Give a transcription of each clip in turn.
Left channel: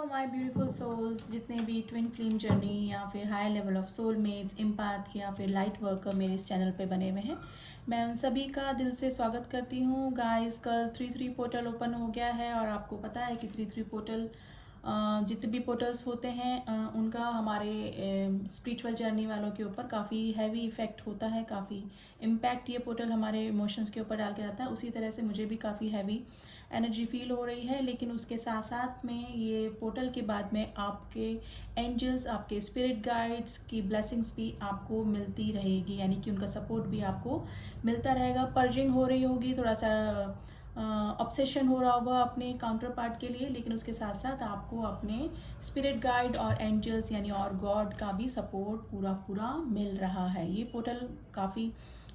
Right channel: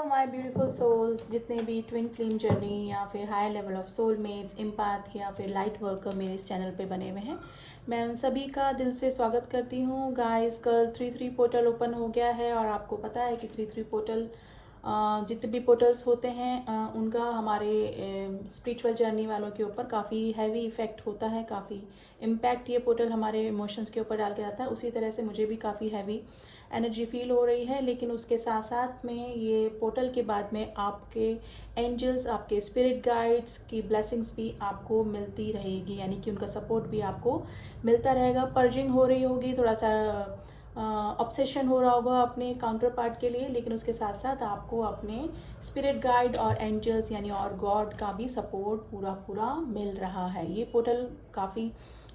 Hello my beautiful souls, जितने भी twin flame journey या फिर higher level of soulmates, empath या फिर लाइट वर्कर मेरे इस चैनल पे बने हुए हैं, मैं उन सभी का दिल से स्वागत करती हूँ। गाइस, कल 3-3 पोर्टल ओपन हो गया है और आपको पता है कि 3-3 पोर्टल जितने भी पोर्टल्स होते हैं उनका हमारे स्पिरिचुअल जर्नी वालों के ऊपर काफ़ी हैवी इफेक्ट होता है, काफ़ी इम्पैक्ट ये पोर्टल हमारे इमोशंस के ऊपर डाल के आता है। उसी तरह से मुझे भी काफ़ी हैवी एनर्जी फील हो रही है, लेकिन उसके साथ साथ में ये पोर्टल के बाद में आपके एंजल्स, आपके स्पिरिट गाइड्स की ब्लेसिंग्स भी आपको मिलती रहेगी, यानी कि उनका सपोर्ट भी आपको मिलता रहेगा। पर्जिंग हो रही होगी, थोड़ा सा ऑब्सेशन हो रहा होगा अपने काउंटर पार्ट के लिए, लेकिन उसके साथ साथ आपको अपने स्पिरिट गाइड और एंजल्स यानी और गॉड का भी सपोर्ट पूरा पूरा मिल रहा है। ये पोर्टल काफ़ी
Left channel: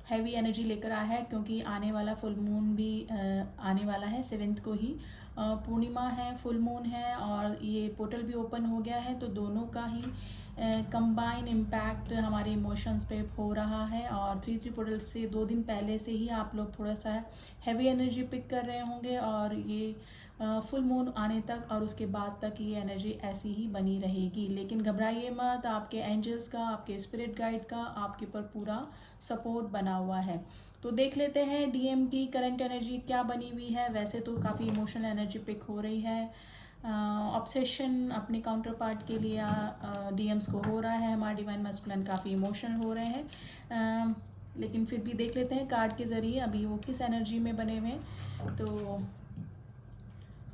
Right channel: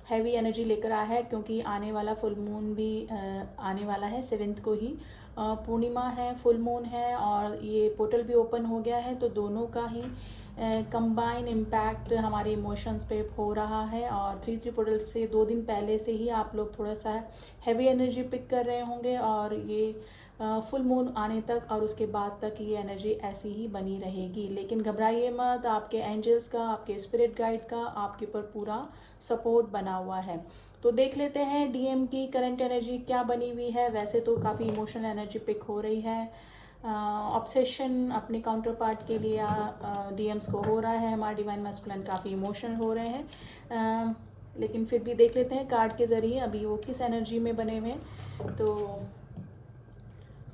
हैवी एनर्जी लेकर आया है, क्योंकि आने वाला फुल मून भी आने वाला है 7th को ही। पूर्णिमा है, फुल मून है और ये पोर्टल भी ओपन हो गया है, तो दोनों का ही कंबाइन इम्पैक्ट हमारे इमोशंस पे हो रहा है। और 3-3 पोर्टल से 2 दिन पहले से ही आप लोग थोड़ा सा हैवी एनर्जी पिक कर रहे होंगे, और ये फुल मून आने तक और उसके बाद तक ये एनर्जी ऐसी ही बनी रहेगी। लेकिन घबराइए मत, आपके एंजल्स का, आपके स्पिरिट गाइड का आपके ऊपर पूरा सपोर्ट बना हुआ है। तो देख लेते हैं डीएम की करंट एनर्जी क्या बनी हुई है। वैसे तो काफ़ी इमोशनल एनर्जी पिक हो रही है, ऑब्सेशन अपने काउंटर पार्ट के लिए डीएम्स को हो रहा है। हमारे डिवाइन मैस्कुलिन काफ़ी इमोशनल हो रहे हैं, लेकिन फिर भी देख लेते हैं कार्ड के जरिए अभी वो किस एनर्जी में बने हुए हैं। तो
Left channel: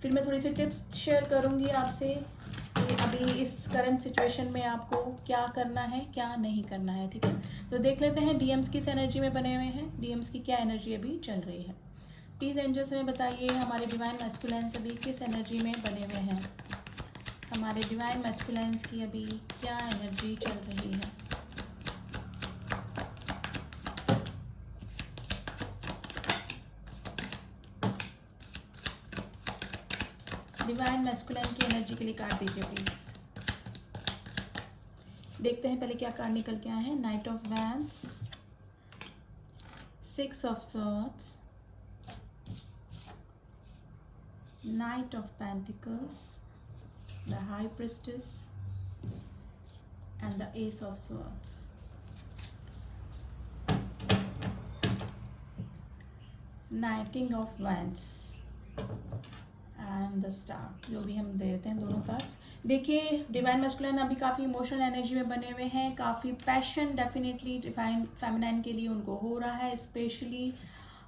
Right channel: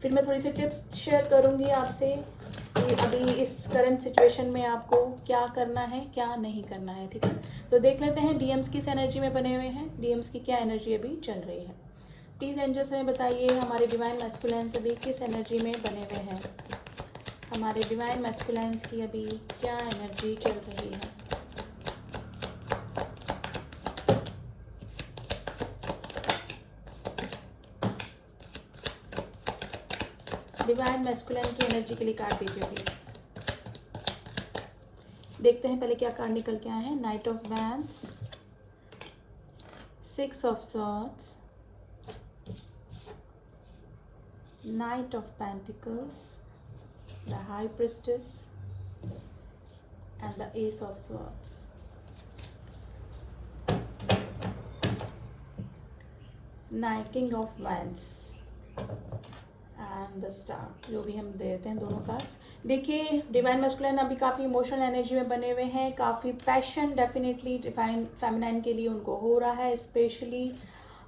फिर मैं थोड़ी सी टिप्स शेयर करूंगी आपसे कि अभी इस करंट सिचुएशन में आपको क्या करना है, क्या नहीं करना है। ठीक है, तो देख लेते हैं डीएम्स किस एनर्जी में बने हुए हैं, डीएम्स की क्या एनर्जी अभी चल रही है। प्लीज एंजल्स में बताइए हमारे डिवाइन मैस्कुलिन्स अभी किस एनर्जी में बने हुए हैं। हमारे डिवाइन मैस्कुलिन्स की अभी क्या एनर्जी चल रही है। डिवाइन मैस्कुलिन की एनर्जी के लिए कार्ड दीजिए प्लीज। देखते हैं पहले क्या कार्ड निकल के आए हैं। Night of wands, 6 of swords, night of pentacles, the high priestess and the S of swords. Night king of wands and the star. जो भी हम देते हैं दोनों कार्ड्स। देखिए डिवाइन मैस्कुलिन अभी काफ़ी इमोशनल एनर्जी में बने हुए हैं, काफ़ी पैशन डेफिनेटली डिवाइन फेमिनाइन के लिए उनको हो रहा है। स्पेशली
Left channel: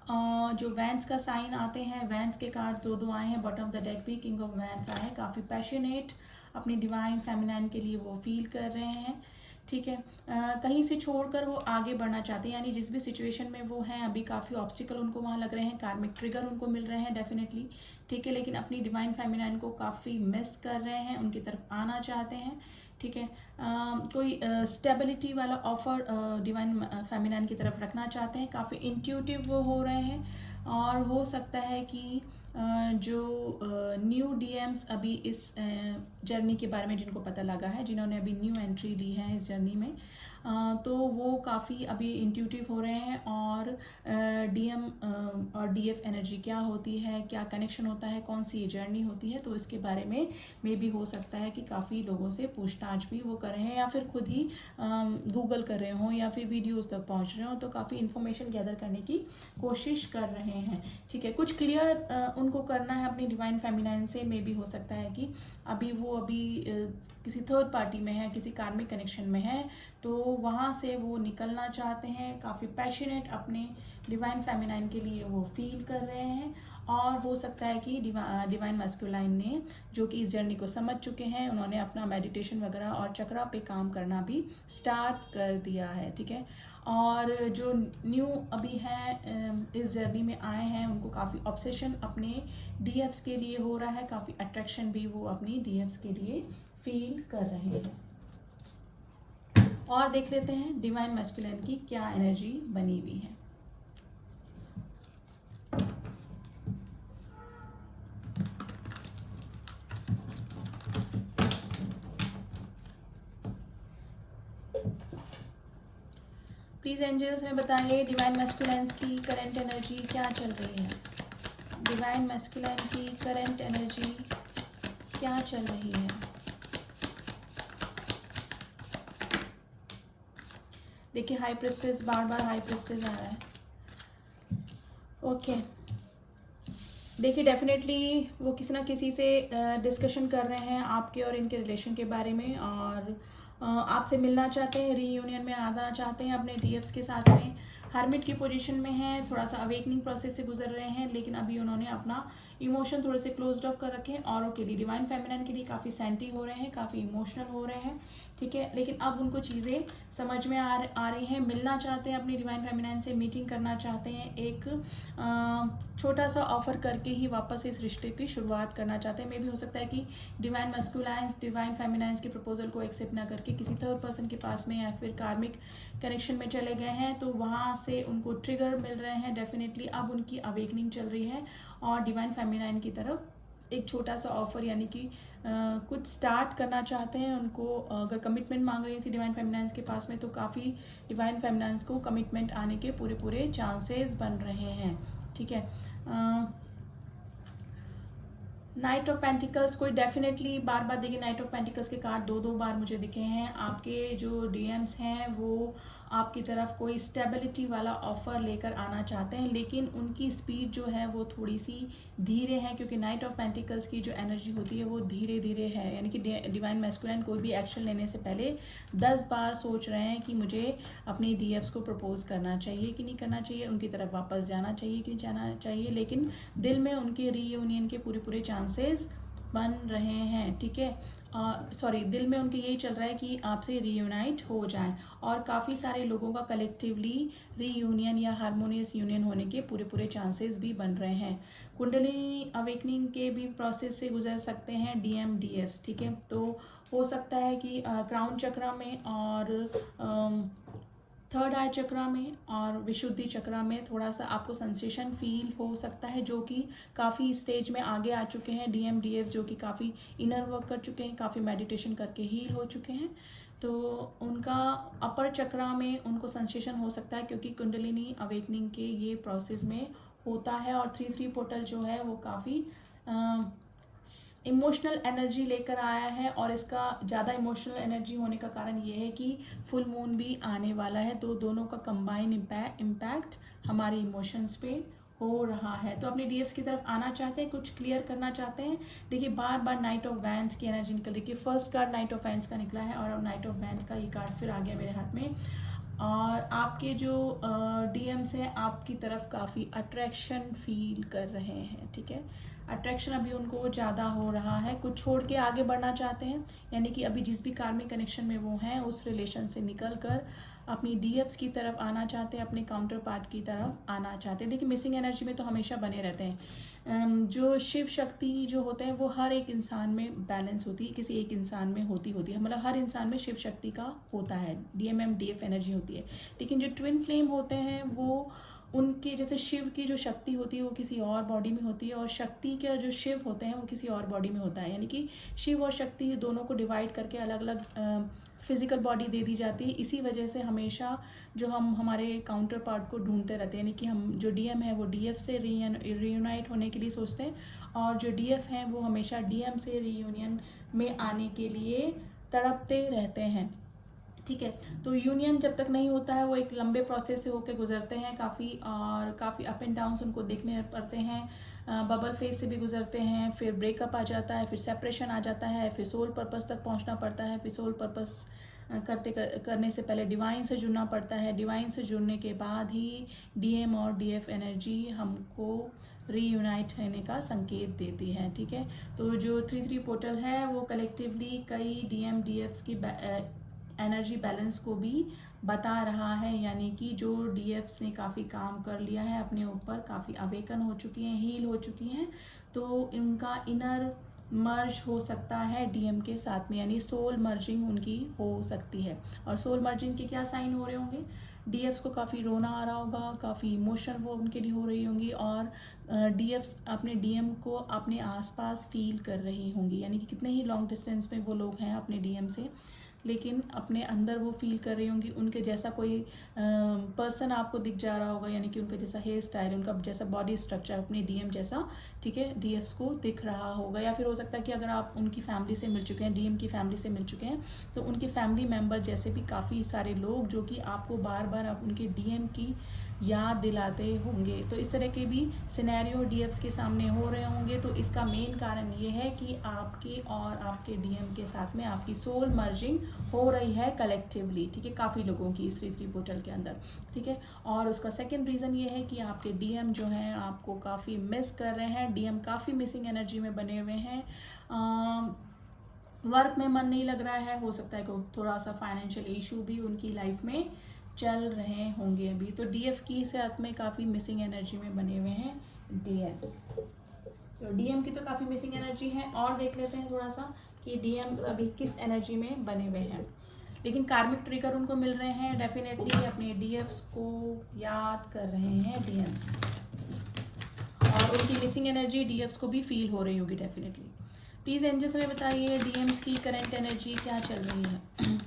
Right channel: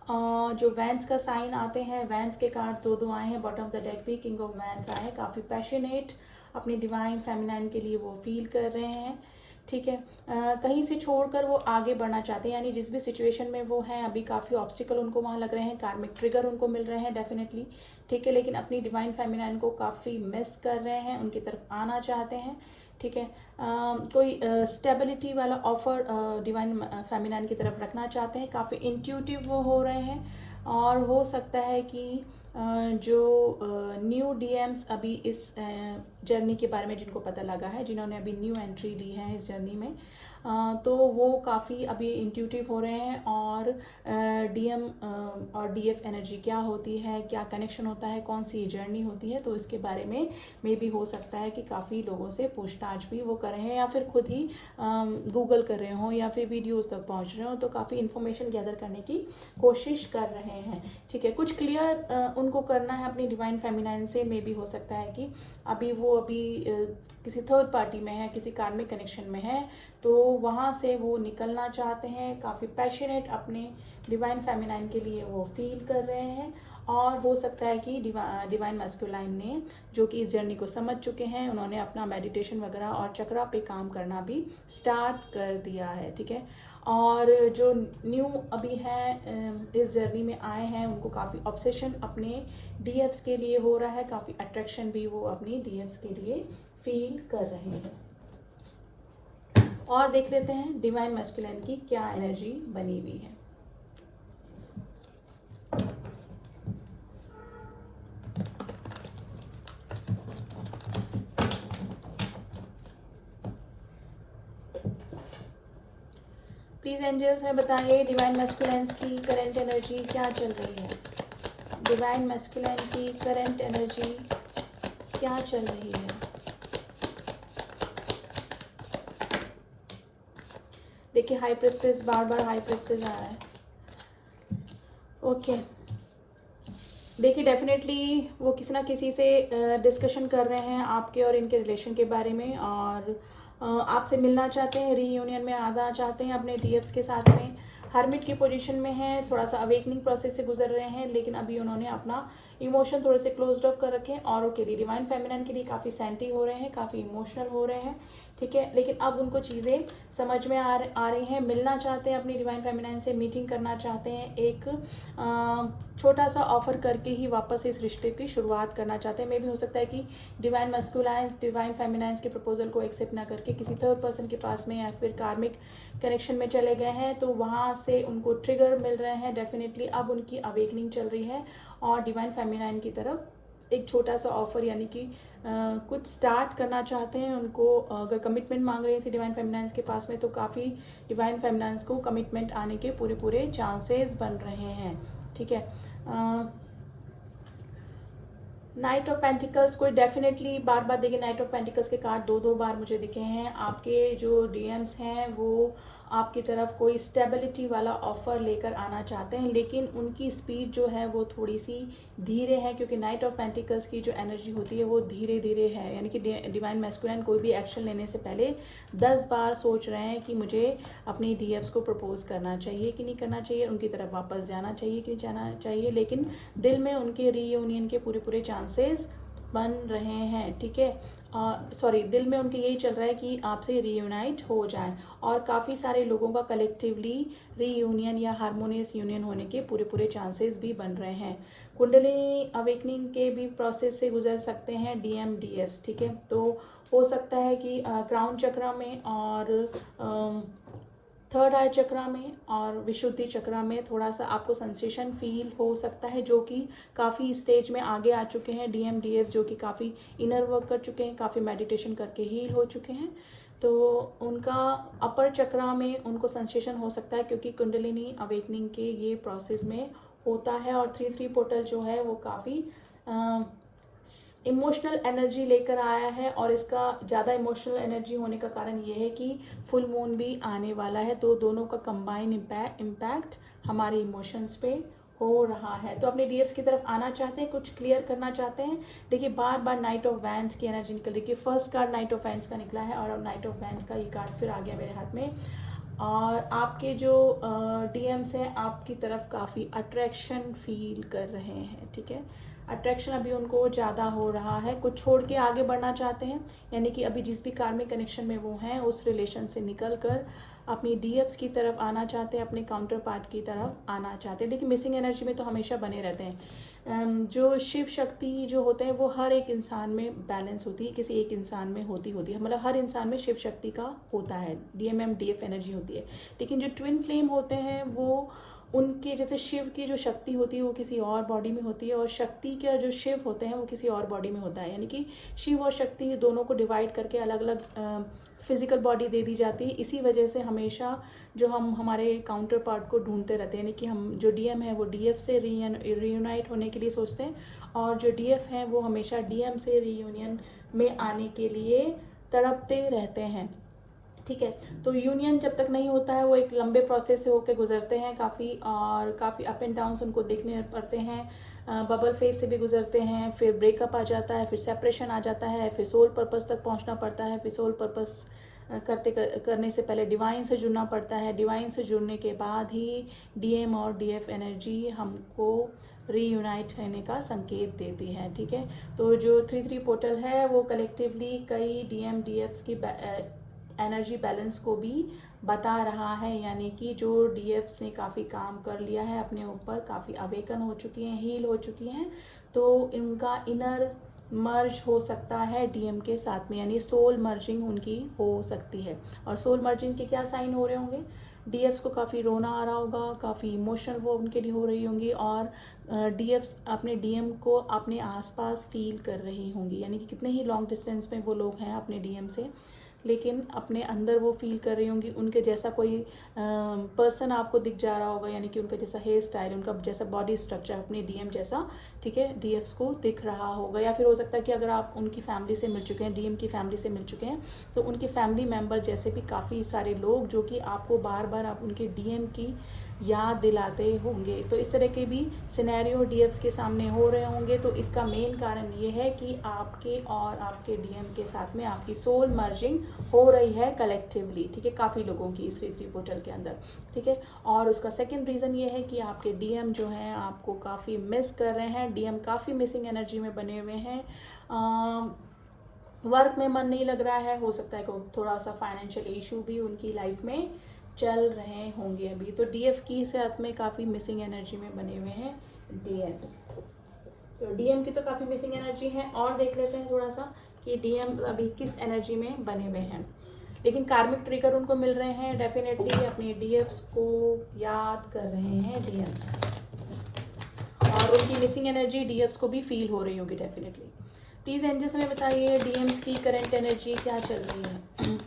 जो वैंस का साइन आते हैं, वैंस के कार्ड दो आए हैं बॉटम ऑफ द डेक भी, किंग ऑफ वैंस आए हैं। काफ़ी पैशनेट अपनी डिवाइन फेमिनाइन के लिए वो फील कर रहे हैं। ठीक है, कहीं से छोड़कर वो आगे बढ़ना चाहते हैं, यानी जिस भी सिचुएशन में वो हैं अभी काफ़ी ऑब्स्टिकल उनको वहाँ लग रहे हैं, कार्मिक ट्रिगर उनको मिल रहे हैं डेफिनेटली। ठीक है, लेकिन अपनी डिवाइन फेमिनाइन को काफ़ी मिस कर रहे हैं, उनकी तरफ आना चाहते हैं। ठीक है, कोई स्टेबिलिटी वाला ऑफर डिवाइन फेमिनाइन की तरफ रखना चाहते हैं। काफ़ी इंट्यूटिव वो हो रहे हैं, और हो सकता है कि जो न्यू डीएम्स अभी इस जर्नी के बारे में जिनको पता लगा है, जिन्होंने अभी न्यू एंट्री ली है इस जर्नी में, तो वो काफ़ी अभी इंट्यूटिव हो रहे हैं। और डीएम और डीएफ एनर्जी क्या होती है, क्या कनेक्शन होता है, कौन सी जर्नी होती है, तो इसके बारे में मे भी हो सकता है कि काफ़ी लोगों से पूछताछ भी वो कर रहे हैं, या फिर खुद ही गूगल कर रहे हों, या फिर वीडियोस तक पहुंच रहे हों, तो काफ़ी इन्फॉर्मेशन गैदर करने की कोशिश कर रहे हैं। ठीक है, कुछ क्लियर उनको करना है अपनी डिवाइन फेमिनाइन से। मे भी हो सकता है कि अभी वो किसी थर्ड पार्टी में है, किसी कार्मिक कनेक्शन में है, तो वहाँ से वो निकलना चाहते हैं। काफ़ी पैशनेट अपने डिवाइन फेमिनाइन के लिए वो फील कर रहे हैं। और हो सकता है कि डिवाइन मैस्कुलाइन ने, जो कि इस जर्नी को समझ चुके हैं, उन्होंने अपना मेडिटेशन वगैरह और चक्रा पे काम करना भी स्टार्ट कर दिया है। ठीक है, और जो न्यू अभी हैं इस जर्नी में आए हैं, उनको काफ़ी ऑब्सेशन अपने डीएफ्स के लिए हो रहा है, काफ़ी अट्रैक्शन भी वो अपनी डीएफ्स के लिए फील कर रहे हैं। और देख लेते हैं डिवाइन मैस्कुलिन की क्या एनर्जी बनी हुई है। प्लीज एंजल्स में बताइए डिवाइन मैस्कुलिन की करंट एनर्जी क्या चल रही है। डिवाइन मैस्कुलिन की करंट एनर्जी क्या चल रही है। देखिए हाई प्रेस्टेज, बार बार हाई प्रेस्टेज आ रहा है। ओके देखिए डेफिनेटली वो किसी ना किसी से डिस्कशन कर रहे हैं आपके और इनके रिलेशन के बारे में, और आपसे मिलना चाहते हैं, रीयूनियन में आना चाहते हैं अपने डीएफ्स के साथ में। हर्मिट की पोजीशन में हैं, थोड़ा सा अवेकनिंग प्रोसेस से गुजर रहे हैं, लेकिन अभी उन्होंने अपना इमोशन थोड़े से क्लोज्ड ऑफ कर रखे हैं औरों के लिए, डिवाइन फेमिनिन के लिए काफ़ी सेंटी हो रहे हैं, काफ़ी इमोशनल हो रहे हैं, ठीक है। लेकिन अब उनको चीज़ें समझ में आ रही हैं, मिलना चाहते हैं अपनी डिवाइन फेमिनिन से, मीटिंग करना चाहते हैं, एक छोटा सा ऑफर करके ही वापस इस रिश्ते की शुरुआत करना चाहते हैं। मे भी हो सकता है कि डिवाइन मस्कुलाइंस डिवाइन फेमिनाइंस के प्रपोजल को एक्सेप्ट ना करके किसी थर्ड पर्सन के पास में या फिर कार्मिक कनेक्शन में चले गए हैं, तो वहाँ से उनको ट्रिगर मिल रहे हैं। डेफिनेटली अब उनकी अवेकनिंग चल रही है और डिवाइन फेमिनाइन की तरफ एक छोटा सा ऑफर यानी कि कुछ स्टार्ट करना चाहते हैं। उनको अगर कमिटमेंट मांग रहे थे डिवाइन फेमिनाइंस के पास में, तो काफ़ी डिवाइन फेमिनाइंस को कमिटमेंट आने के पूरे पूरे चांसेस बन रहे हैं, ठीक है। नाइट ऑफ पेंटिकल्स कोई डेफिनेटली बार बार देखिए, नाइट ऑफ पेंटिकल्स के कार्ड दो बार मुझे दिखे हैं। आपके जो डीएम्स हैं वो आपकी तरफ कोई स्टेबिलिटी वाला ऑफर लेकर आना चाहते हैं, लेकिन उनकी स्पीड जो है वो थोड़ी सी धीरे है, क्योंकि नाइट ऑफ पेंटिकल्स की जो एनर्जी होती है वो धीरे धीरे है। यानी कि डिवाइन मैस्कुलिन कोई भी एक्शन लेने से पहले 10 बार सोच रहे हैं कि मुझे अपने डीएफ्स को प्रपोज करना चाहिए कि नहीं करना चाहिए, उनकी तरफ वापस जाना चाहिए कि जाना चाहिए, लेकिन दिल में उनके रीयूनियन के पूरे पूरे चांसेस बन रहे हैं, ठीक है। सॉरी, दिल में उनके यही चल रहा है कि आपसे रीयूनाइट हो जाए, और काफ़ी सारे लोगों का कलेक्टिवली रीयूनियन या हार्मोनियस यूनियन होने के पूरे पूरे चांसेस भी बन रहे हैं। कुंडली अवेकनिंग के भी प्रोसेस से गुजर सकते हैं डीएम डीएफ्स, ठीक है। तो हो सकता है कि क्राउन चक्रा में और थर्ड आई चक्रा में और विशुद्धि चक्रा में थोड़ा सा आपको सेंसेशन फील हो सकता है, जो कि काफ़ी स्टेज में आगे आ चुके हैं डीएम डीएफ, जो कि काफ़ी इनर वर्क कर चुके हैं, काफ़ी मेडिटेशन करके हील हो चुके हैं। तो उनका अपर चक्रा में उनको सेंसेशन हो सकता है, क्योंकि कुंडलिनी अवेकनिंग के ये प्रोसेस में होता है। और 3-3 पोर्टल जो है वो काफ़ी इमोशनल एनर्जी लेकर आया है, और इसका ज़्यादा इमोशनल एनर्जी होने का कारण ये है कि फुल मून भी आने वाला है, तो दोनों का कंबाइन इम्पैक्ट हमारे इमोशंस पे हो रहा है। तो अपने डीएफ्स की तरफ आना चाहते हैं, कुछ क्लियर करना चाहते हैं। देखिए बार बार नाइट ऑफ वैंड्स की एनर्जी निकल, देखिए first card night of wands का निकला है, और अब नाइट ऑफ वैंड्स का ये कार्ड फिर आ गया मेरे हाथ में। और आपके जो डीएम्स हैं आपकी तरफ काफ़ी अट्रैक्शन फील कर रहे हैं, ठीक है। अट्रैक्शन अभी उनको ज़्यादा हो रहा है, कुछ छोड़ के आगे बढ़ना चाहते हैं, यानी कि अभी जिस भी कार्मिक कनेक्शन में वो हैं उस रिलेशन से निकल कर अपनी डीएफ्स की तरफ आना चाहते हैं, अपने काउंटर पार्ट की तरफ आना चाहते हैं। देखिए मिसिंग एनर्जी में तो हमेशा बने रहते हैं। जो शिव शक्ति जो होते हैं वो हर एक इंसान में बैलेंस होती है, किसी एक इंसान में होती है, मतलब हर इंसान में शिव शक्ति का होता है, डीएमएम डीएफ एनर्जी होती है। लेकिन जो ट्विन फ्लेम होते हैं वो उनके जैसे शिव की जो शक्ति होती है वो किसी और बॉडी में होती है, और शक्ति के जो शिव होते हैं वो किसी और बॉडी में होता है। यानी कि शिव और शक्ति दोनों को डिवाइड करके अलग अलग फिजिकल बॉडी दे दी जाती है। इसी वजह से हमेशा जो हम हमारे काउंटर पार्ट को ढूंढते रहते हैं, यानी कि हम जो डीएम है वो डीएफ से रीयूनाइट होने के लिए सोचते हैं, और जो डीएफ हैं वो हमेशा डीएम से रीयूनियन में आने के लिए तड़पते रहते हैं, ठीक है। तो यूनियन जब तक नहीं होता है वो एक लंबे प्रोसेस से होकर गुजरते हैं काफ़ी, और काफ़ी अप एंड डाउन्स उनको देखने पड़ते हैं, बबल फेज से भी गुजरते हैं, फिर ब्रेकअप आ जाता है, फिर सेपरेशन आ जाता है, फिर सोल पर्पस तक पहुंचना पड़ता है, फिर सोल पर्पस करने से पहले डिवाइन से जुड़ना पड़ता है, डिवाइन से जुड़ने के बाद ही डीएम और डीएफ एनर्जी हमको रीयूनाइट होने का संकेत देती है, ठीक है। तो जो 3-3 पोर्टल है वो कलेक्टिवली कई डीएम डीएफ्स की एनर्जी बैलेंस को भी बता रहा है, यानी कि जो डीएफ्स ने काफ़ी काम कर लिया है अपने ऊपर, काफ़ी अवेकन हो चुकी हैं, हील हो चुकी हैं, तो इनका इनर मर्ज हो सकता है डीएम के साथ में, यानी सोल मर्जिंग उनकी हो सकती है। और सोल मर्जिंग के क्या साइन हो रहे होंगे, डीएफ्स को काफ़ी रोना आ रहा होगा, काफ़ी इमोशन वो उनके लिए हो रही होंगी, और डीएफ्स अपने डीएम को अपने आसपास फील कर रही होंगी, यानी कि कितने ही लॉन्ग डिस्टेंस में वो लोग हैं अपने डीएम से, लेकिन अपने अंदर वो फील कर रही होंगी उनके जैसा कोई पर्सन आपको दिख जा रहा होगा, यानी कि उनका जैसा हेयर स्टाइल, उनका जैसा बॉडी स्ट्रक्चर अपने डीएम जैसा, ठीक है, डीएफ्स को दिख रहा होगा। या फिर हो सकता है कि अगर आप उनकी फैमिली से मिल चुके हैं, डीएम की फैमिली से मिल चुके हैं, तो उनके फैमिली मेम्बर जैसे भी काफ़ी सारे लोग जो कि आपको बार बार आप उनके डीएम की याद दिलाते होंगे। तो इस तरह के भी सिनेरियो डीएफ्स के सामने हो रहे होंगे। तो इसका मेन कारण ये है कि आपके और आपके डीएम के साथ में आपकी सोल मर्जिंग हो रही है कलेक्टिवली, ठीक है, काफ़ी लोगों की इस ऋतु पोर्टल के अंदर, ठीक है। और उसका सेकंड रीज़न ये है कि आपके डीएम जो हैं आपको काफ़ी मिस कर रहे हैं, डीएम काफ़ी मिसिंग एनर्जी में बने हुए हैं, वर्क में मन नहीं लग रहा है, हो सकता है कि थोड़ा सा फाइनेंशियल इशू भी उनकी लाइफ में चल रहे होंगे अभी। तो डीएफ की साथ में काफ़ी मिसिंग एनर्जी में बने हुए हैं डीएम्स। तो डीएम की तो काफ़ी मिसिंग एनर्जी है, और देख लेते हैं थोड़ा सा कि डीएम अभी किस एनर्जी में बने हुए हैं। लेकिन कार्मिक ट्रिगर उनको मिल रहे हैं, डेफिनेटली अपने डीएफ्स को याद कर रहे हैं डीएम्स, और उनकी मिसिंग एनर्जी डीएफ्स को भी फील हो रही होगी डेफिनेटली। प्लीज एंजल्स हमें बताइए डीएम्स की करंट एनर्जी क्या चल रही है।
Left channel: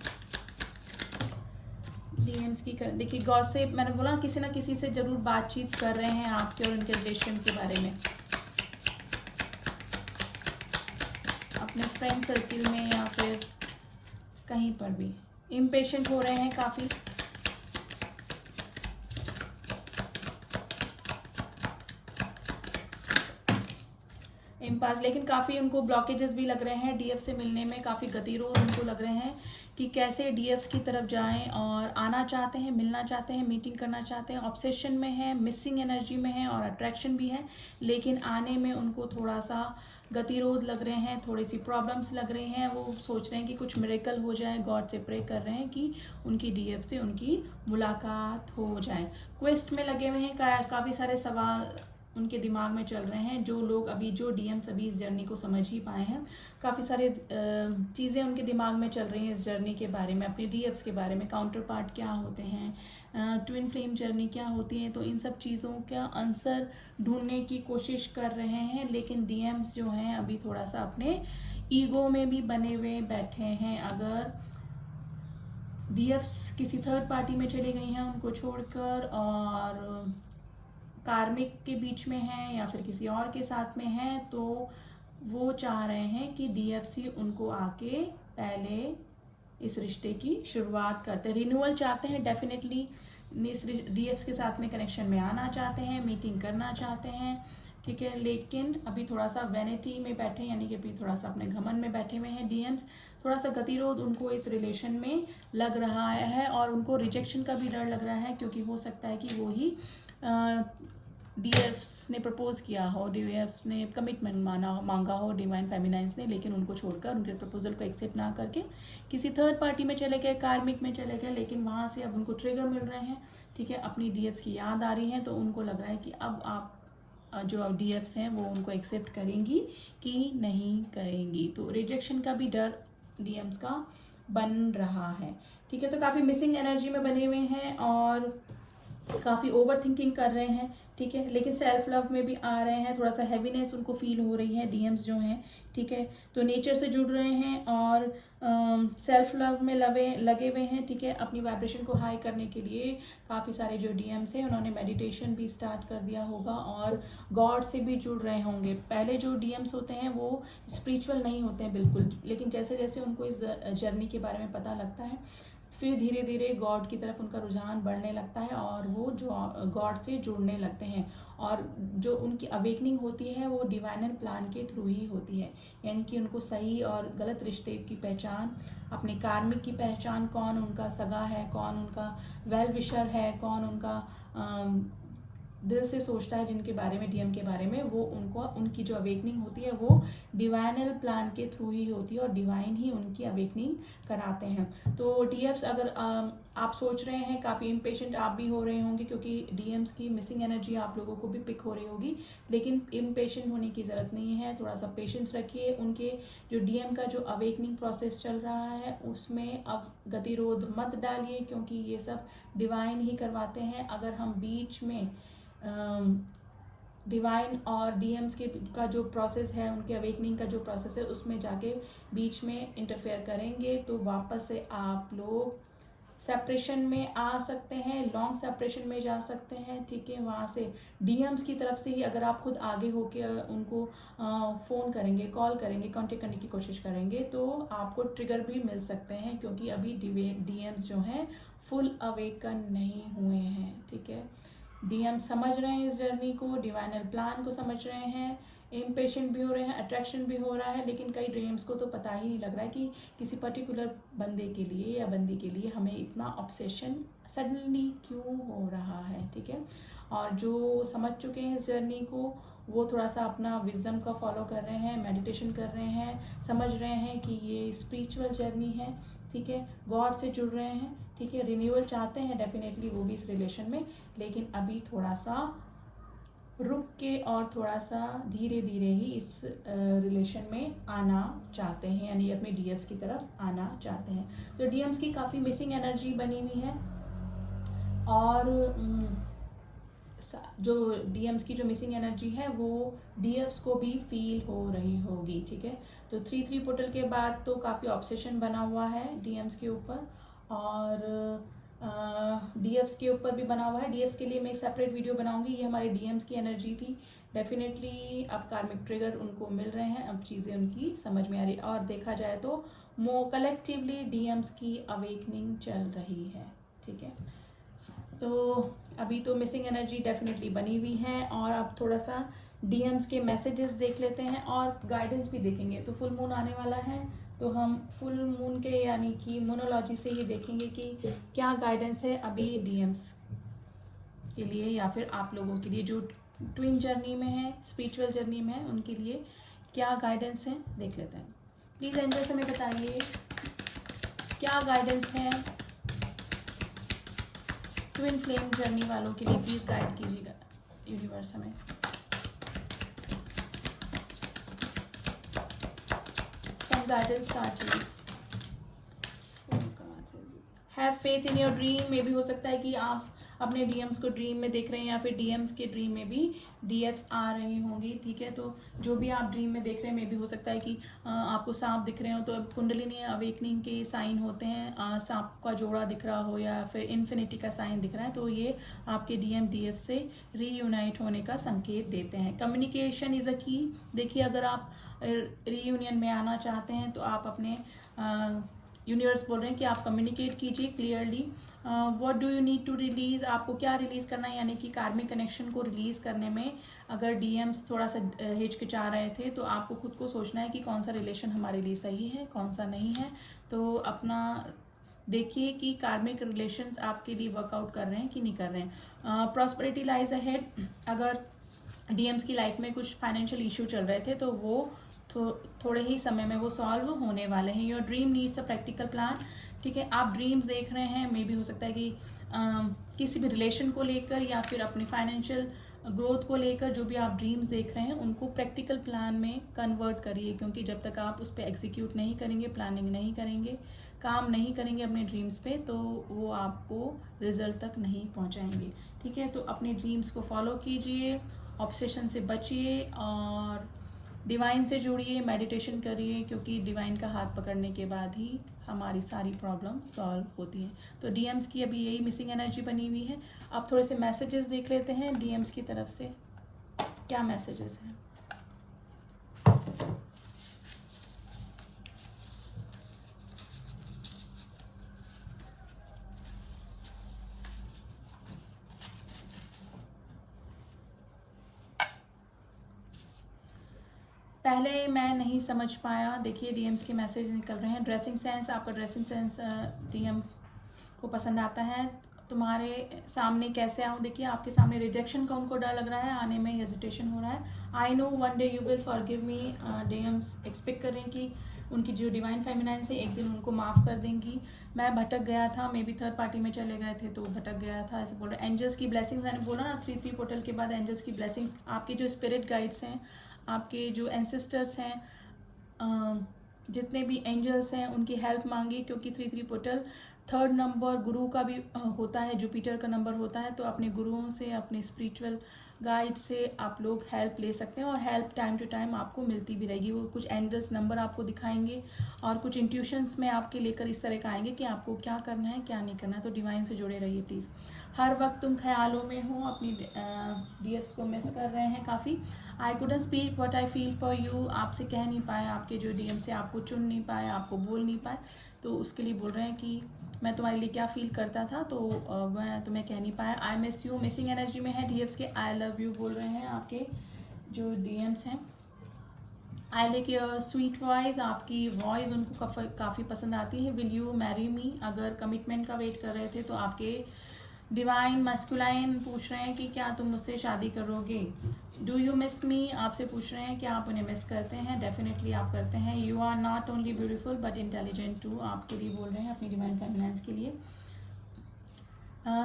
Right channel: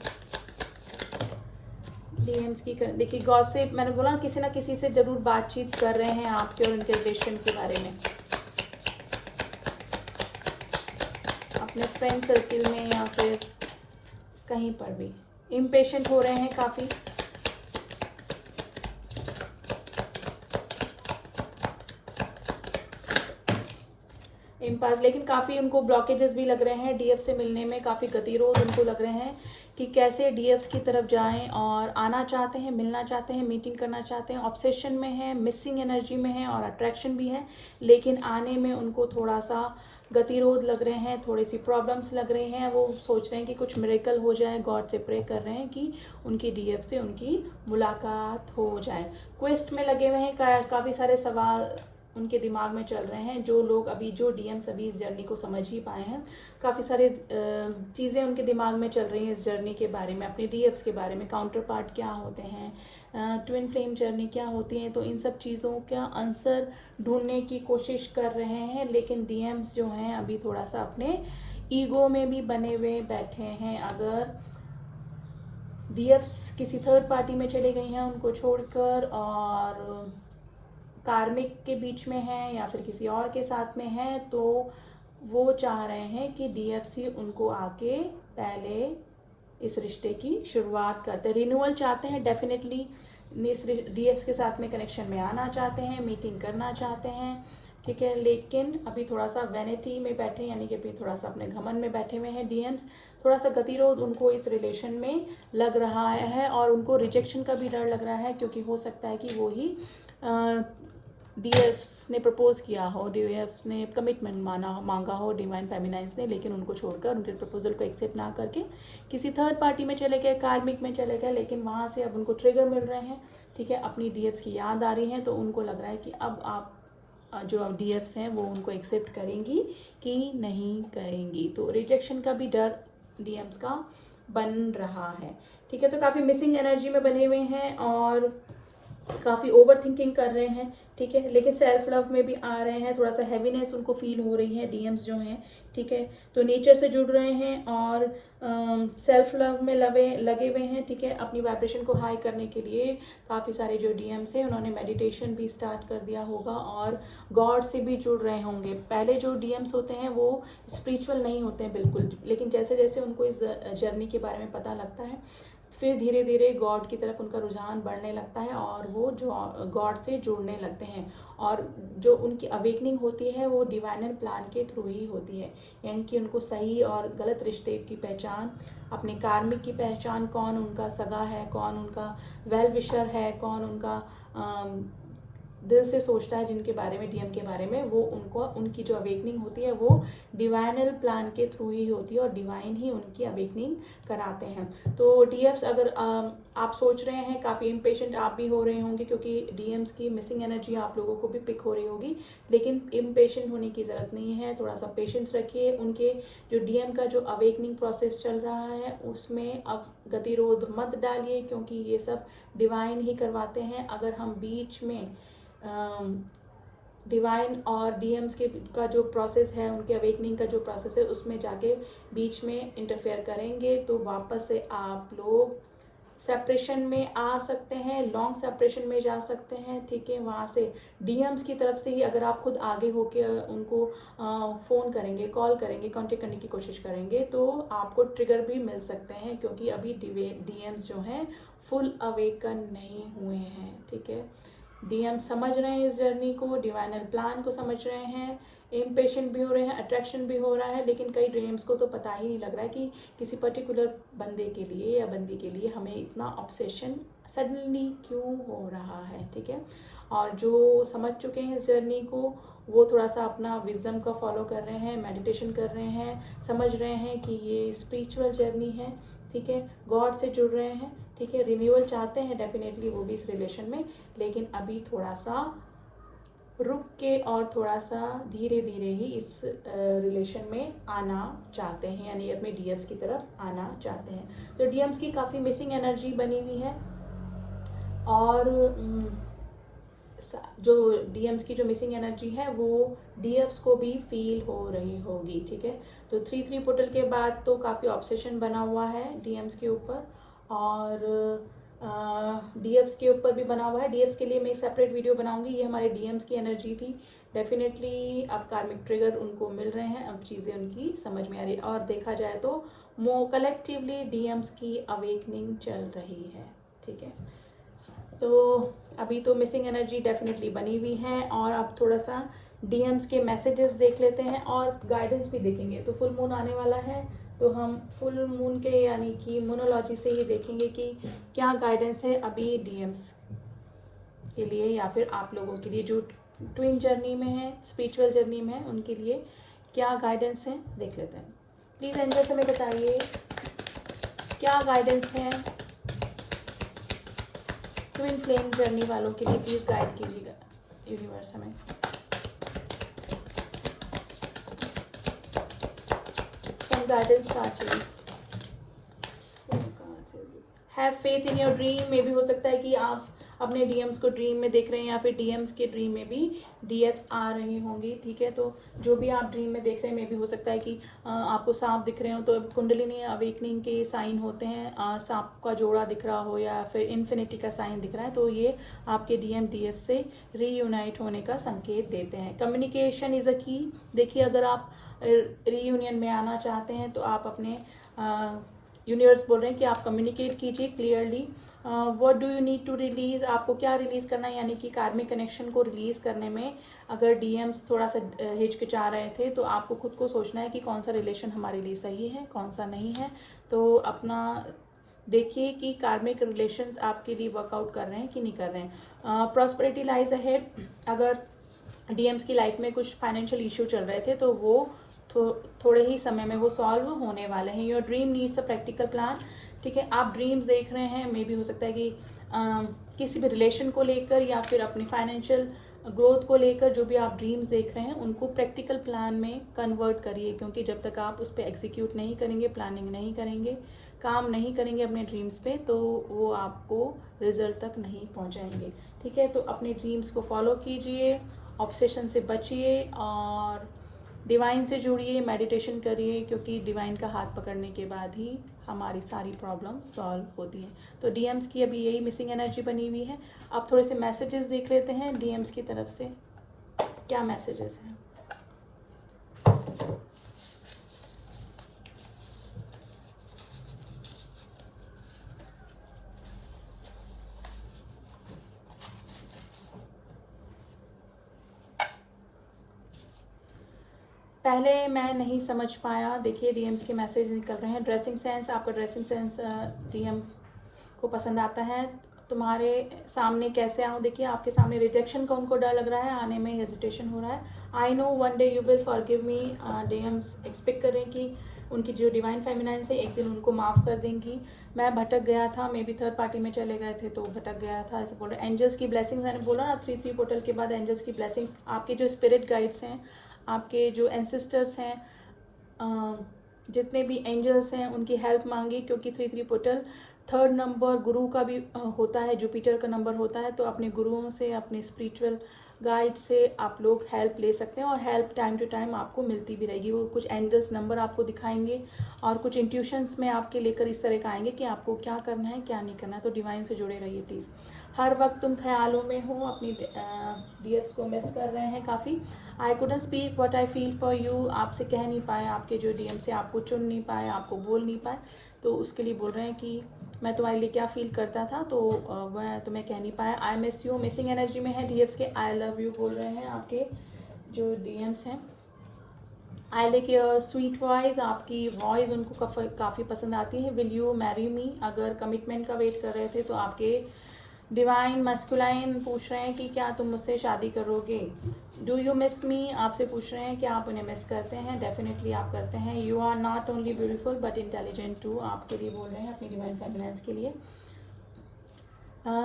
डीएम्स की देखिए, गॉसिप, मैंने बोला किसी ना किसी से जरूर बातचीत कर रहे हैं आपके और उनके रिलेशन के बारे में, अपने फ्रेंड सर्किल में या फिर कहीं पर भी। इम्पेशेंट हो रहे हैं काफी, इम्पास, लेकिन काफी उनको ब्लॉकेजेस भी लग रहे हैं डीएफ से मिलने में, काफी गतिरोध उनको लग रहे हैं कि कैसे डीएफ की तरफ जाएं, और आना चाहते हैं, मिलना चाहते हैं, मीटिंग करना चाहते हैं, ऑब्सेशन में है, मिसिंग एनर्जी में है और अट्रैक्शन भी है, लेकिन आने में उनको थोड़ा सा गतिरोध लग रहे हैं, थोड़ी सी प्रॉब्लम्स लग रहे हैं। वो सोच रहे हैं कि कुछ मिरेकल हो जाए, गॉड से प्रे कर रहे हैं कि उनकी डीएफ से उनकी मुलाकात हो जाए। क्वेस्ट में लगे हुए हैं, काफी सारे सवाल उनके दिमाग में चल रहे हैं। जो लोग अभी, जो डीएम्स अभी इस जर्नी को समझ ही पाए हैं, काफ़ी सारे चीज़ें उनके दिमाग में चल रही हैं इस जर्नी के बारे में, अपने डीएफ्स के बारे में, काउंटर पार्ट क्या होते हैं, ट्विन फ्लेम जर्नी क्या होती है। तो इन सब चीज़ों का आंसर ढूंढने की कोशिश कर रहे हैं, लेकिन डीएम्स जो हैं अभी थोड़ा सा अपने ईगो में भी बने हुए बैठे हैं। अगर डीएफ्स किसी थर्ड पार्टी में चले गई हैं उनको छोड़कर, और कार्मिक के बीच में है या फिर किसी और के साथ में है, तो वो चाह रहे हैं कि डीएफसी उनको आके पहले इस रिश्ते की शुरुआत करते हैं, रिन्यूअल चाहते हैं डेफिनेटली, इस डीएफ के साथ में कनेक्शन में आना चाहते हैं, मीटिंग करना चाहते हैं, ठीक है। लेकिन अभी थोड़ा सा वैनिटी में बैठे, यानी कि अभी थोड़ा सा अपने घमंड में बैठे हुए हैं डीएम्स। थोड़ा सा गतिरोध उनको इस रिलेशन में लग रहा है, और उनको रिजेक्शन का भी डर लग रहा है, क्योंकि हो सकता है कि वो ही डीएफ्स ने प्रपोज किया हो, डीएफ्स ने कमिटमेंट मांगा हो डिवाइन फेमिनाइंस ने, लेकिन उनको छोड़कर, उनके प्रपोजल को एक्सेप्ट ना करके किसी थर्ड पार्टी में चले गए, कार्मिक में चले गए, लेकिन वहां से अब उनको ट्रिगर मिल रहे हैं, ठीक है, अपनी डीएफ्स की याद आ रही है। तो उनको लग रहा है कि अब आप जो डीएफ्स हैं वो उनको एक्सेप्ट करेंगी कि नहीं करेंगी। तो रिजेक्शन का भी डर डीएम्स का बन रहा है, ठीक है। तो काफी मिसिंग एनर्जी में बने हुए हैं और काफी ओवर थिंकिंग कर रहे हैं, ठीक है, लेकिन सेल्फ लव में भी आ रहे हैं। थोड़ा सा हैवीनेस उनको फील हो रही है डीएम्स जो हैं, ठीक है। तो नेचर से जुड़ रहे हैं और सेल्फ लव में लगे हुए हैं, ठीक है। अपनी वाइब्रेशन को हाई करने के लिए काफ़ी सारे जो डीएम्स हैं उन्होंने मेडिटेशन भी स्टार्ट कर दिया होगा और गॉड से भी जुड़ रहे होंगे। पहले जो डीएम्स होते हैं वो स्पिरिचुअल नहीं होते हैं बिल्कुल, लेकिन जैसे जैसे उनको इस जर्नी के बारे में पता लगता है, फिर धीरे धीरे गॉड की तरफ उनका रुझान बढ़ने लगता है और वो जो गॉड से जुड़ने लगते हैं। और जो उनकी अवेकनिंग होती है वो डिवाइनल प्लान के थ्रू ही होती है, यानी कि उनको सही और गलत रिश्ते की पहचान, अपने कार्मिक की पहचान, कौन उनका सगा है, कौन उनका वेल विशर है, कौन उनका दिल से सोचता है जिनके बारे में, डीएम के बारे में, वो उनको, उनकी जो अवेकनिंग होती है वो डिवाइनल प्लान के थ्रू ही होती है और डिवाइन ही उनकी अवेकनिंग कराते हैं। तो डीएम्स, अगर आप सोच रहे हैं, काफ़ी इम्पेशेंट आप भी हो रहे होंगे क्योंकि डीएम्स की मिसिंग एनर्जी आप लोगों को भी पिक हो रही होगी, लेकिन इम्पेशेंट होने की ज़रूरत नहीं है। थोड़ा सा पेशेंस रखिए। उनके जो डीएम का जो अवेकनिंग प्रोसेस चल रहा है उसमें अब गतिरोध मत डालिए, क्योंकि ये सब डिवाइन ही करवाते हैं। अगर हम बीच में डिवाइन और डीएम्स के का जो प्रोसेस है, उनके अवेकनिंग का जो प्रोसेस है, उसमें जाके बीच में इंटरफेयर करेंगे तो वापस से आप लोग सेपरेशन में आ सकते हैं, लॉन्ग सेपरेशन में जा सकते हैं। ठीक है, वहाँ से डीएम्स की तरफ से ही अगर आप खुद आगे होके उनको फ़ोन करेंगे, कॉल करेंगे, कांटेक्ट करने की कोशिश करेंगे तो आपको ट्रिगर भी मिल सकते हैं, क्योंकि अभी डीएम्स जो हैं फुल अवेकन नहीं हुए हैं। ठीक है, डीएम समझ रहे हैं इस जर्नी को, डिवाइनल प्लान को समझ रहे हैं, इम्पेशेंट भी हो रहे हैं, अट्रैक्शन भी हो रहा है, लेकिन कई ड्रीम्स को तो पता ही नहीं लग रहा है कि किसी पर्टिकुलर बंदे के लिए या बंदी के लिए हमें इतना ऑब्सेशन सडनली क्यों हो रहा है। ठीक है, और जो समझ चुके हैं इस जर्नी को वो थोड़ा सा अपना विजडम का फॉलो कर रहे हैं, मेडिटेशन कर रहे हैं, समझ रहे हैं कि ये स्पिरिचुअल जर्नी है। ठीक है, गॉड से जुड़ रहे हैं। ठीक है, रिन्यूअल चाहते हैं डेफिनेटली वो भी इस रिलेशन में, लेकिन अभी थोड़ा सा रुक के और थोड़ा सा धीरे धीरे ही इस रिलेशन में आना चाहते हैं, यानी अपने डीएम्स की तरफ आना चाहते हैं। तो डीएम्स की काफ़ी मिसिंग एनर्जी बनी हुई है, और जो डीएम्स की जो मिसिंग एनर्जी है वो डीएफ्स को भी फील हो रही होगी। ठीक है, तो 3-3 पोर्टल के बाद तो काफ़ी ऑब्सेशन बना हुआ है डीएम्स के ऊपर, और डीएफ्स के ऊपर भी बना हुआ है। डीएफ्स के लिए मैं सेपरेट वीडियो बनाऊंगी, ये हमारे डीएम्स की एनर्जी थी। डेफिनेटली अब कार्मिक ट्रिगर उनको मिल रहे हैं, अब चीज़ें उनकी समझ में आ रही, और देखा जाए तो कलेक्टिवली डीएम्स की अवेकनिंग चल रही है। ठीक है, तो अभी तो मिसिंग एनर्जी डेफिनेटली बनी हुई है, और अब थोड़ा सा डीएम्स के मैसेजेस देख लेते हैं और गाइडेंस भी देखेंगे। तो फुल मून आने वाला है, तो हम फुल मून के यानी कि मोनोलॉजी से ये देखेंगे कि क्या गाइडेंस है अभी डीएम्स के लिए, या फिर आप लोगों के लिए जो ट्विन जर्नी में है, स्पिरिचुअल जर्नी में है, उनके लिए क्या गाइडेंस है देख लेते हैं। प्लीज एंजल हमें बताइए क्या गाइडेंस है ट्विन फ्लेम जर्नी वालों के लिए, प्लीज गाइड कीजिएगा यूनिवर्स हमें। Guidance have faith in your dream में भी हो सकता है कि आप अपने डीएम्स को ड्रीम में देख रहे हैं, या फिर डीएम्स के ड्रीम में भी डीएफ्स आ रही होंगी। ठीक है, तो जो भी आप ड्रीम में देख रहे हैं, में भी हो सकता है कि आपको सांप दिख रहे हो, तो कुंडलिनी अवेकनिंग के साइन होते हैं, सांप का जोड़ा दिख रहा हो या फिर इन्फिनिटी का साइन दिख रहा है, तो ये आपके डीएम डीएफ से रीयूनाइट होने का संकेत देते हैं। कम्युनिकेशन इज अ की। देखिए, अगर आप रीयूनियन में आना चाहते हैं तो आप अपने यूनिवर्स बोल रहे हैं कि आप कम्युनिकेट कीजिए clearly. What do you need to release, आपको क्या रिलीज करना है, यानी कि कार्मिक कनेक्शन को रिलीज करने में अगर डीएम्स थोड़ा सा हिचकिचा रहे थे, तो आपको खुद को सोचना है कि कौन सा रिलेशन हमारे लिए सही है, कौन सा नहीं है। तो अपना देखिए कि कार्मिक रिलेशंस आपके लिए वर्कआउट कर रहे हैं कि नहीं कर रहे हैं। प्रॉस्पेरिटी लाइज अहेड, अगर डीएम्स की लाइफ में कुछ फाइनेंशियल इश्यू चल रहे थे तो वो थोड़े ही समय में वो सॉल्व होने वाले हैं। Your dream needs a practical plan. ठीक है, आप ड्रीम्स देख रहे हैं, मे भी हो सकता है कि किसी भी रिलेशन को लेकर या फिर अपने फाइनेंशियल ग्रोथ को लेकर जो भी आप ड्रीम्स देख रहे हैं उनको प्रैक्टिकल प्लान में कन्वर्ट करिए, क्योंकि जब तक आप उस पर एग्जीक्यूट नहीं करेंगे, प्लानिंग नहीं करेंगे, काम नहीं करेंगे अपने ड्रीम्स पे, तो वो आपको रिजल्ट तक नहीं पहुंचाएंगे। ठीक है, तो अपने ड्रीम्स को फॉलो कीजिए, ऑब्सेशन से बचिए और डिवाइन से जुड़िए, मेडिटेशन करिए, क्योंकि डिवाइन का हाथ पकड़ने के बाद ही हमारी सारी प्रॉब्लम सॉल्व होती है। तो डीएम्स की अभी यही मिसिंग एनर्जी बनी हुई है। अब थोड़े से मैसेजेस देख लेते हैं डीएम्स की तरफ से क्या मैसेजेस हैं। पहले मैं नहीं समझ पाया, देखिए डीएम्स के मैसेज निकल रहे हैं। ड्रेसिंग सेंस, आपका ड्रेसिंग सेंस डीएम को पसंद आता है। तुम्हारे सामने कैसे आऊँ, देखिए आपके सामने रिजेक्शन का उनको डर लग रहा है, आने में हेजिटेशन हो रहा है। I know one day you will forgive me, DMs expect कर रहे हैं कि उनकी जो डिवाइन फेमिनाइन है एक दिन उनको माफ़ कर देंगी। मैं भटक गया था, मे बी थर्ड पार्टी में चले गए थे तो भटक गया था, ऐसे बोल रहे। एंजल्स की ब्लेसिंग्स, मैंने बोला ना 3-3 पोर्टल के बाद एंजल्स की ब्लेसिंग्स, आपके जो स्पिरिट गाइड्स हैं, आपके जो एंसेस्टर्स हैं, जितने भी एंजल्स हैं उनकी हेल्प मांगी, क्योंकि 3-3 पोर्टल 3rd नंबर गुरु का भी होता है, जुपिटर का नंबर होता है। तो अपने गुरुओं से, अपने स्पिरिचुअल गाइड से आप लोग हेल्प ले सकते हैं और हेल्प टाइम टू टाइम आपको मिलती भी रहेगी। वो कुछ एंजल्स नंबर आपको दिखाएंगे और कुछ इंट्यूशंस में आपके लेकर इस तरह का आएंगे कि आपको क्या करना है क्या नहीं करना है। तो डिवाइन से जुड़े रहिए प्लीज़। हर वक्त तुम ख्यालों में हो, अपनी डीएफ्स को मिस कर रहे हैं काफ़ी। I couldn't speak what I feel for you, आपसे कह नहीं पाए, आपके जो डीएम से आपको चुन नहीं पाए, आपको बोल नहीं पाए, तो उसके लिए बोल रहे हैं कि मैं तुम्हारे लिए क्या फील करता था, तो मैं तुम्हें कह नहीं पाया। I miss you, missing energy में है डीएफ्स के। आई लव यू बोल रहे हैं आपके जो डीएम्स हैं। I like your sweet voice, आपकी वॉइस उनको काफ़ी पसंद आती है। विल यू मैरी मी, अगर कमिटमेंट का वेट कर रहे थे तो आपके डिवाइन मैस्कुलाइन पूछ रहे हैं कि क्या तुम मुझसे शादी करोगे। डू यू मिस मी, आपसे पूछ रहे हैं कि आप उन्हें मिस करते हैं। डेफिनेटली आप करते हैं। You are not only beautiful but intelligent too, आपके लिए बोल रहे हैं, अपनी डिवाइन फेमिनाइन्स के लिए।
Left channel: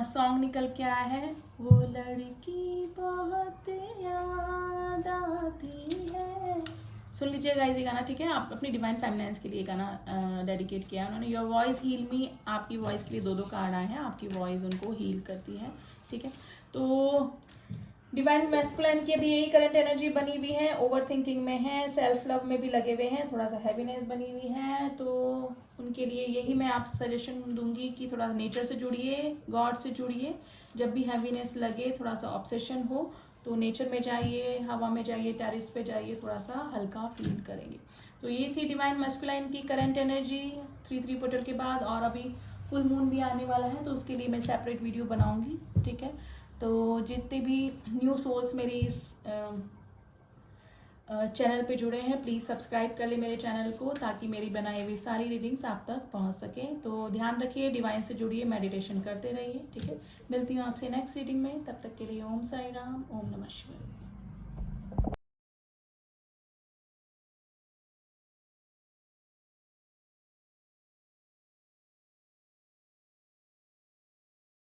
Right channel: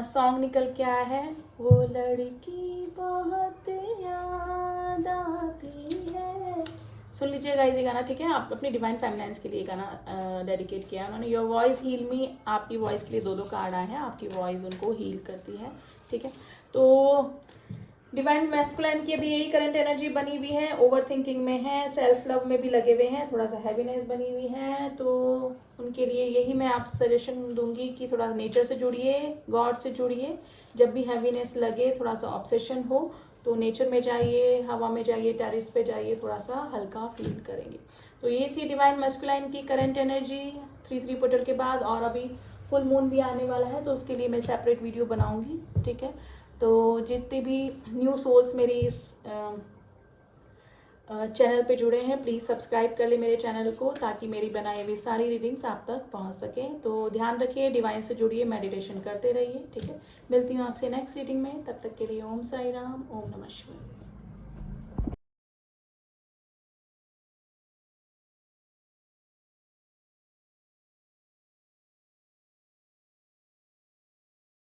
सॉन्ग निकल के आया है, वो लड़की बहुत याद आती है। सुन लीजिएगा ये गाना, ठीक है। आप अपनी डिवाइन फेमिनाइन्स के लिए गाना डेडिकेट किया उन्होंने। योर वॉइस हील मी, आपकी वॉइस के लिए 2 कार्ड आए हैं, आपकी वॉइस उनको हील करती है, ठीक है। तो डिवाइन मैस्कुलाइन की भी यही करंट एनर्जी बनी हुई है, ओवर थिंकिंग में है, सेल्फ लव में भी लगे हुए हैं, थोड़ा सा हैवीनेस बनी हुई है। तो उनके लिए यही मैं आप सजेशन दूंगी कि थोड़ा नेचर से जुड़िए, गॉड से जुड़िए। जब भी हैवीनेस लगे, थोड़ा सा ऑब्सेशन हो, तो नेचर में जाइए, हवा में जाइए, टेरिस पे जाइए, थोड़ा सा हल्का फील करेंगे। तो ये थी डिवाइन मैस्कुलाइन की करंट एनर्जी 3 पोर्टल के बाद। और अभी फुल मून भी आने वाला है, तो उसके लिए मैं सेपरेट वीडियो बनाऊंगी, ठीक है। तो जितने भी न्यू सोल्स मेरी इस चैनल पे जुड़े हैं, प्लीज़ सब्सक्राइब कर ले मेरे चैनल को, ताकि मेरी बनाई हुई सारी रीडिंग्स आप तक पहुंच सकें। तो ध्यान रखिए, डिवाइन से जुड़िए, मेडिटेशन करते रहिए, ठीक है। मिलती हूँ आपसे नेक्स्ट रीडिंग में, तब तक के लिए ओम साई राम, ओम नमः शिवाय।